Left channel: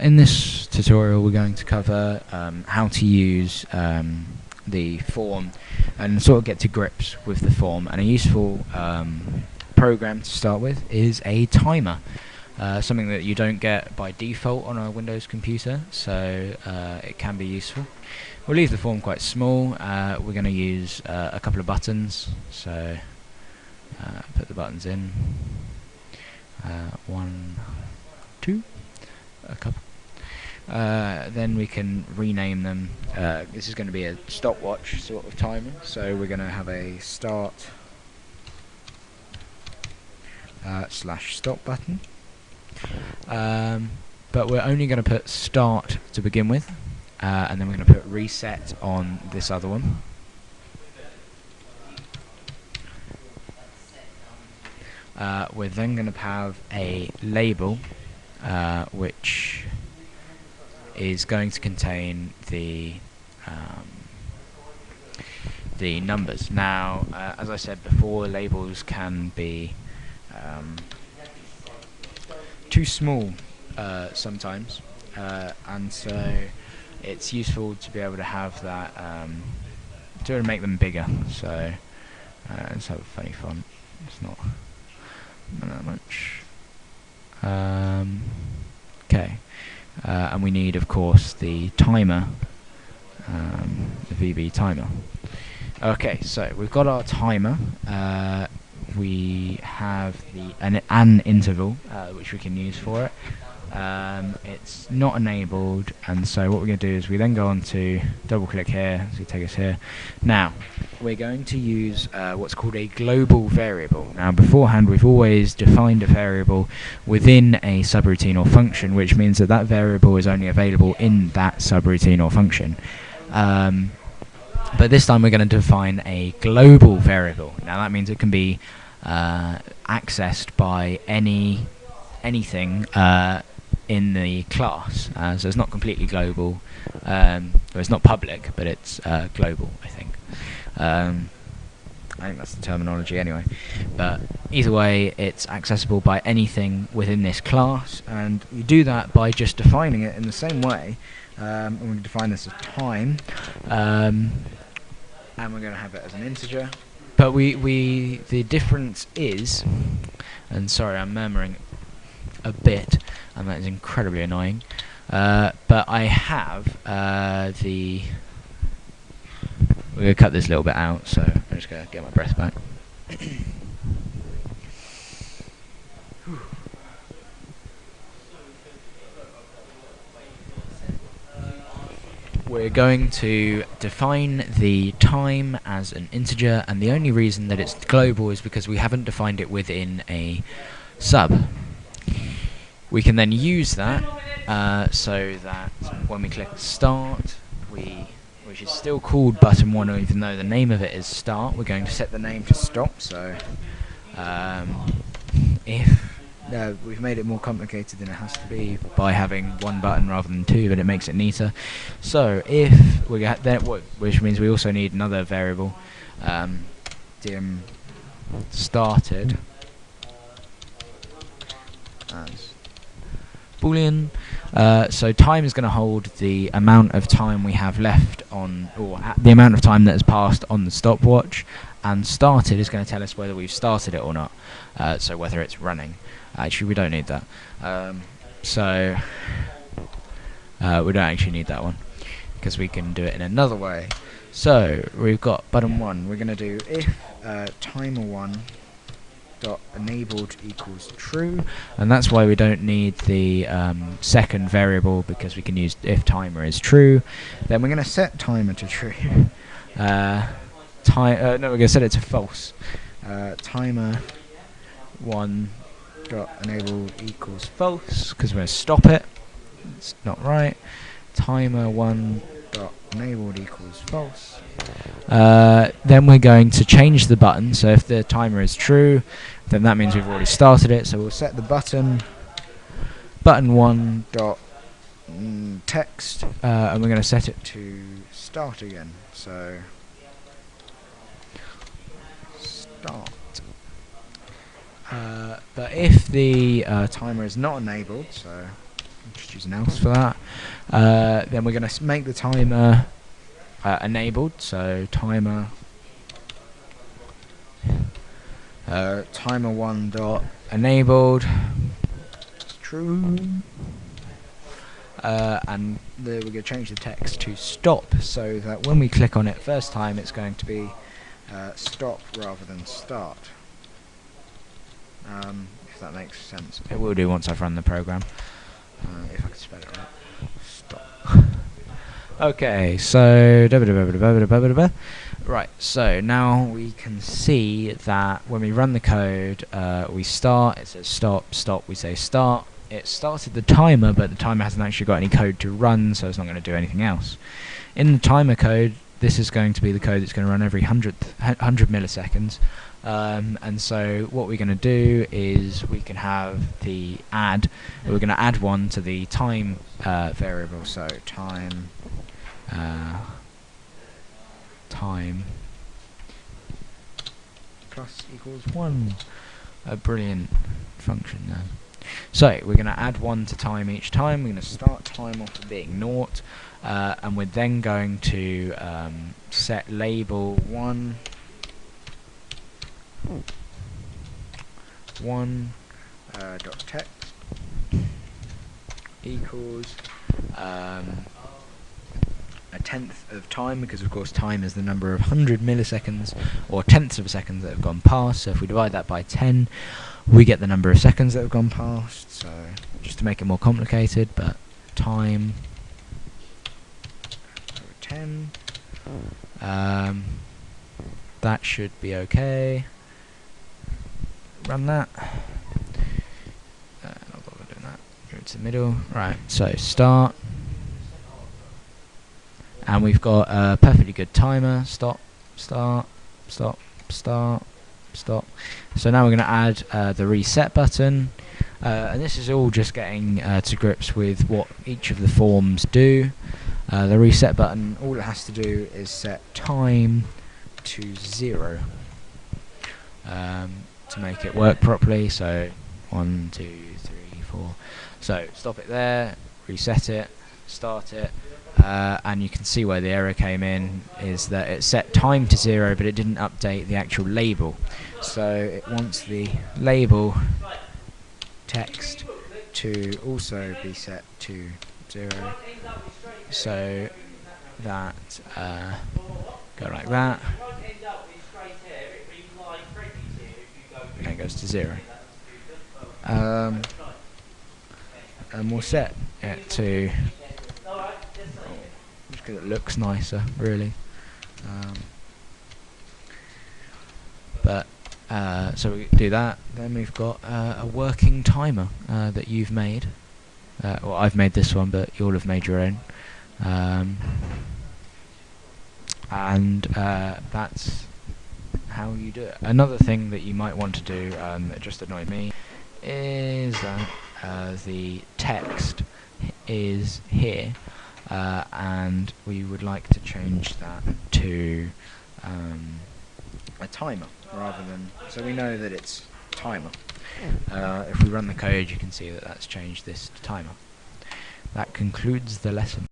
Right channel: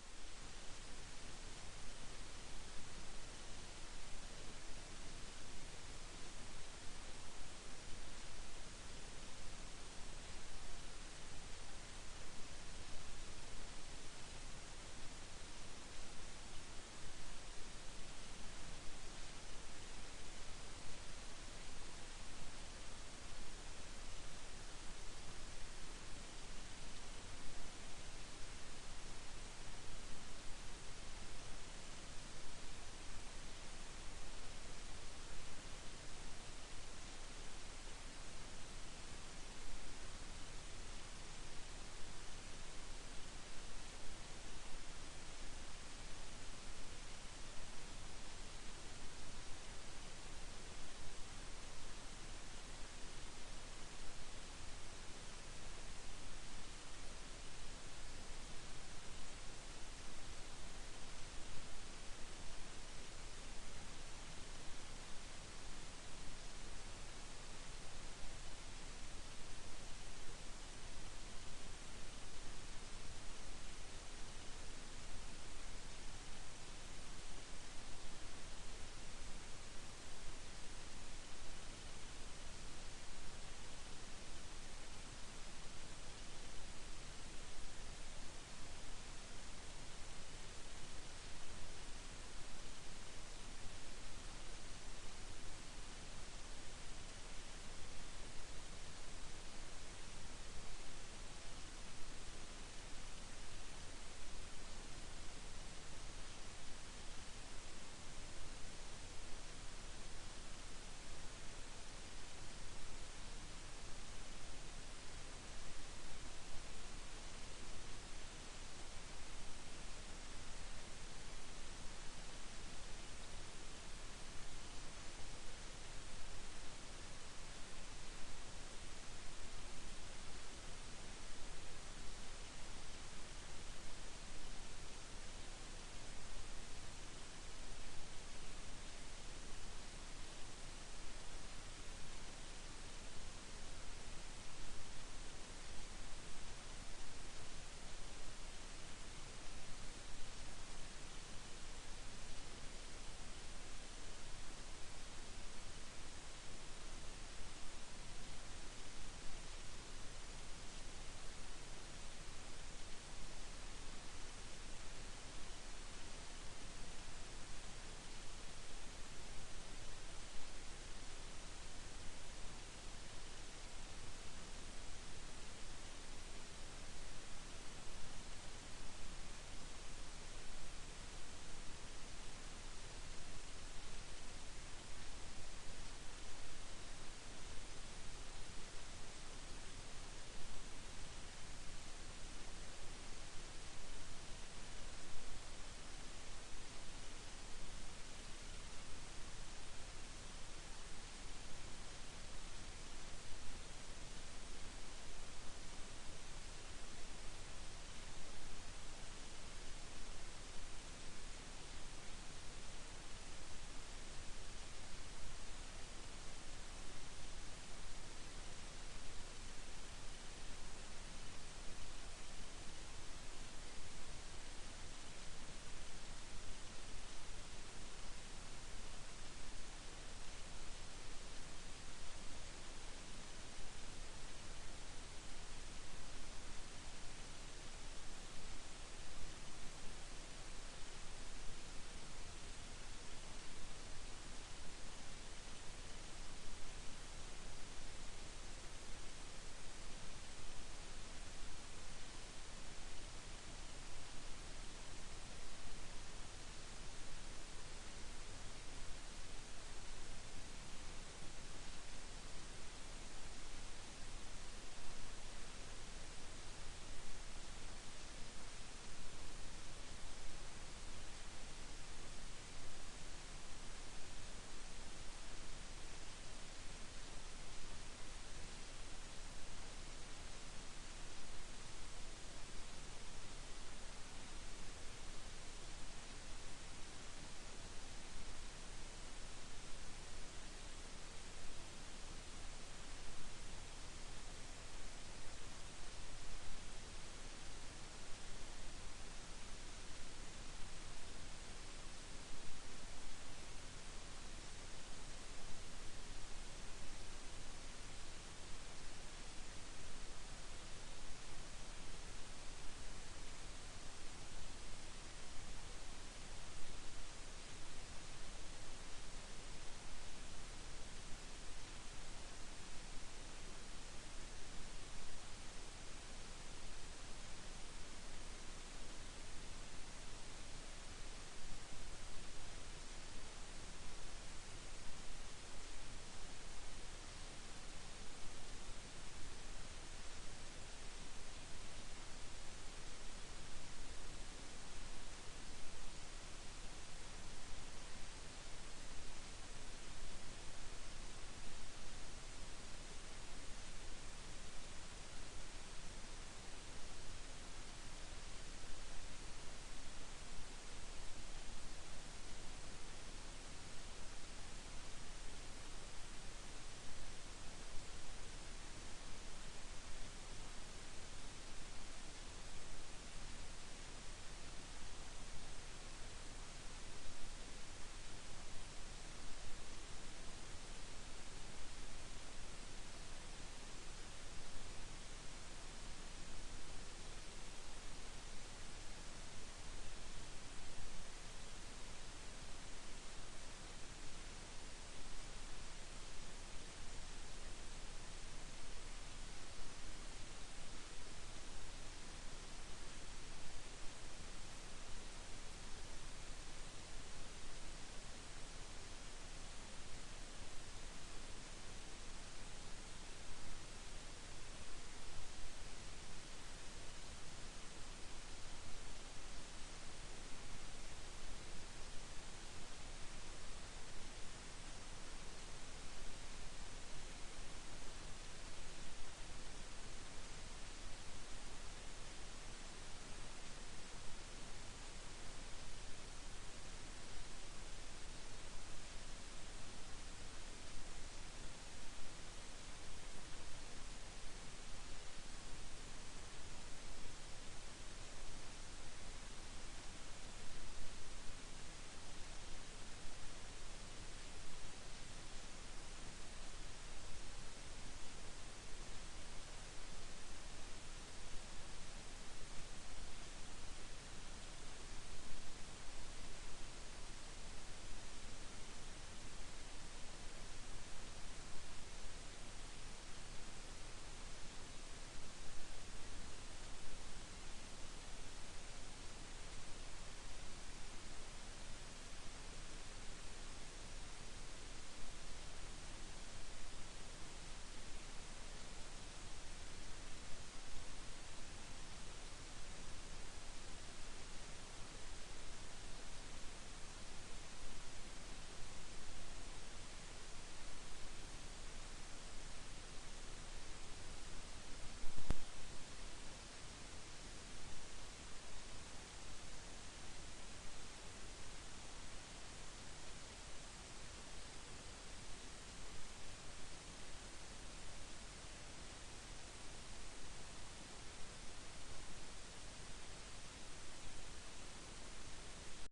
In this tutorial we're going to cover how to use the form and sort of get to grips with the form, and a useful program to start with is a timer, something that you don't get by default on a Windows computer, so it can be useful. We'll leave the form quite small. We're going to use a couple of buttons, so put the buttons in, 1, 2, a couple. Then we can rename them. This is going to be a stopwatch sort of timer, so we're going to have a start / stop button. But we're only going to put start to begin with, and then we're going to put reset on this other one. We're then going to have a label which is going to contain the numbers. Now, as I said before, labels can be too small sometimes, and so it's useful to be able to have that, to make them bigger. So let's have a funny font. It's not that much. Okay. And we need, of course, the timer, the VB timer. Okay, so we've got our timer. We have an interval which we can use for it. It's not enabled, and so what we're going to do is we then go on to double click here, so you take us here. Now we're going to use what's called a global variable. Now beforehand we've always defined a variable within a subroutine or function, which means that that variable is only available in that subroutine or function. But this time we're going to define a global variable. Now that means it can be accessed by anything in the class, so it's not completely global. Well, it's not public, but it's global, I think. I think that's the terminology anyway. But either way, it's accessible by anything within this class, and you do that by just defining it in the same way. And we're going to define this as time, and we're going to have it as an integer. But the difference is, and sorry, I'm murmuring a bit, and that is incredibly annoying. But I have we're going to cut this little bit out, so I'm just going to get my breath back. We're going to define the time as an integer, and the only reason that it's global is because we haven't defined it within a sub. We can then use that so that when we click start, which is still called button 1, even though the name of it is start, we're going to set the name to stop. So we've made it more complicated than it has to be by having one button rather than two, but it makes it neater. So if we get that, which means we also need another variable, dim started as boolean. So time is going to hold the amount of time we have left on, or the amount of time that has passed on the stopwatch, and started is going to tell us whether we've started it or not, so whether it's running. Actually, we don't need that. So we don't actually need that one, because we can do it in another way. So we've got button 1. We're going to do if timer1 dot enabled equals true, and that's why we don't need the second variable, because we can use if timer is true. Then we're going to set timer to true. No, we're going to set it to false. Timer1 dot enabled equals false, because we're going to stop it. It's not right. Timer1 dot enabled equals false. Then we're going to change the button, so if the timer is true, then that means we've already started it, so we'll set the button 1 dot text, and we're going to set it to start again, so start. But if the timer is not enabled, so just use an else for that. Then we're going to make the timer enabled, so timer timer1 dot enabled, true, and we're going to change the text to stop, so that when we click on it first time it's going to be stop rather than start. If that makes sense. It will do once I've run the program. If I can spell it right. Stop. Okay, so right, so now we can see that when we run the code, we start, it says stop, stop, we say start. It started the timer, but the timer hasn't actually got any code to run, so it's not going to do anything else. In the timer code, this is going to be the code that's going to run every 100 milliseconds. And so what we're going to do is we can have the add, we're going to add one to the time variable, so time plus equals 1. A brilliant function there. So we're going to add 1 to time each time. We're going to start time off at being 0, and we're then going to set label 1 dot text equals a tenth of time, because of course time is the number of 100 milliseconds or tenths of a second that have gone past. So if we divide that by 10, we get the number of seconds that have gone past. So just to make it more complicated, but time 10, that should be okay. Run that. Not bother doing that. Go to the middle. Right, so start. And we've got a perfectly good timer. Stop, start, stop, start, stop. So now we're going to add the reset button. And this is all just getting to grips with what each of the forms do. The reset button, all it has to do is set time to 0 to make it work properly. So 1, 2, 3, 4. So stop it there, reset it, start it. And you can see where the error came in is that it set time to 0, but it didn't update the actual label. So it wants the label text to also be set to 0, so that go like that, and it goes to 0. And we'll set it to, because it looks nicer, really. So we do that. Then we've got a working timer that you've made. Well, I've made this one, but you'll have made your own. And that's how you do it. Another thing that you might want to do, that just annoyed me, is that the text is here. And we would like to change that to a timer rather than, so we know that it's timer. If we run the code, you can see that that's changed this to timer. That concludes the lesson.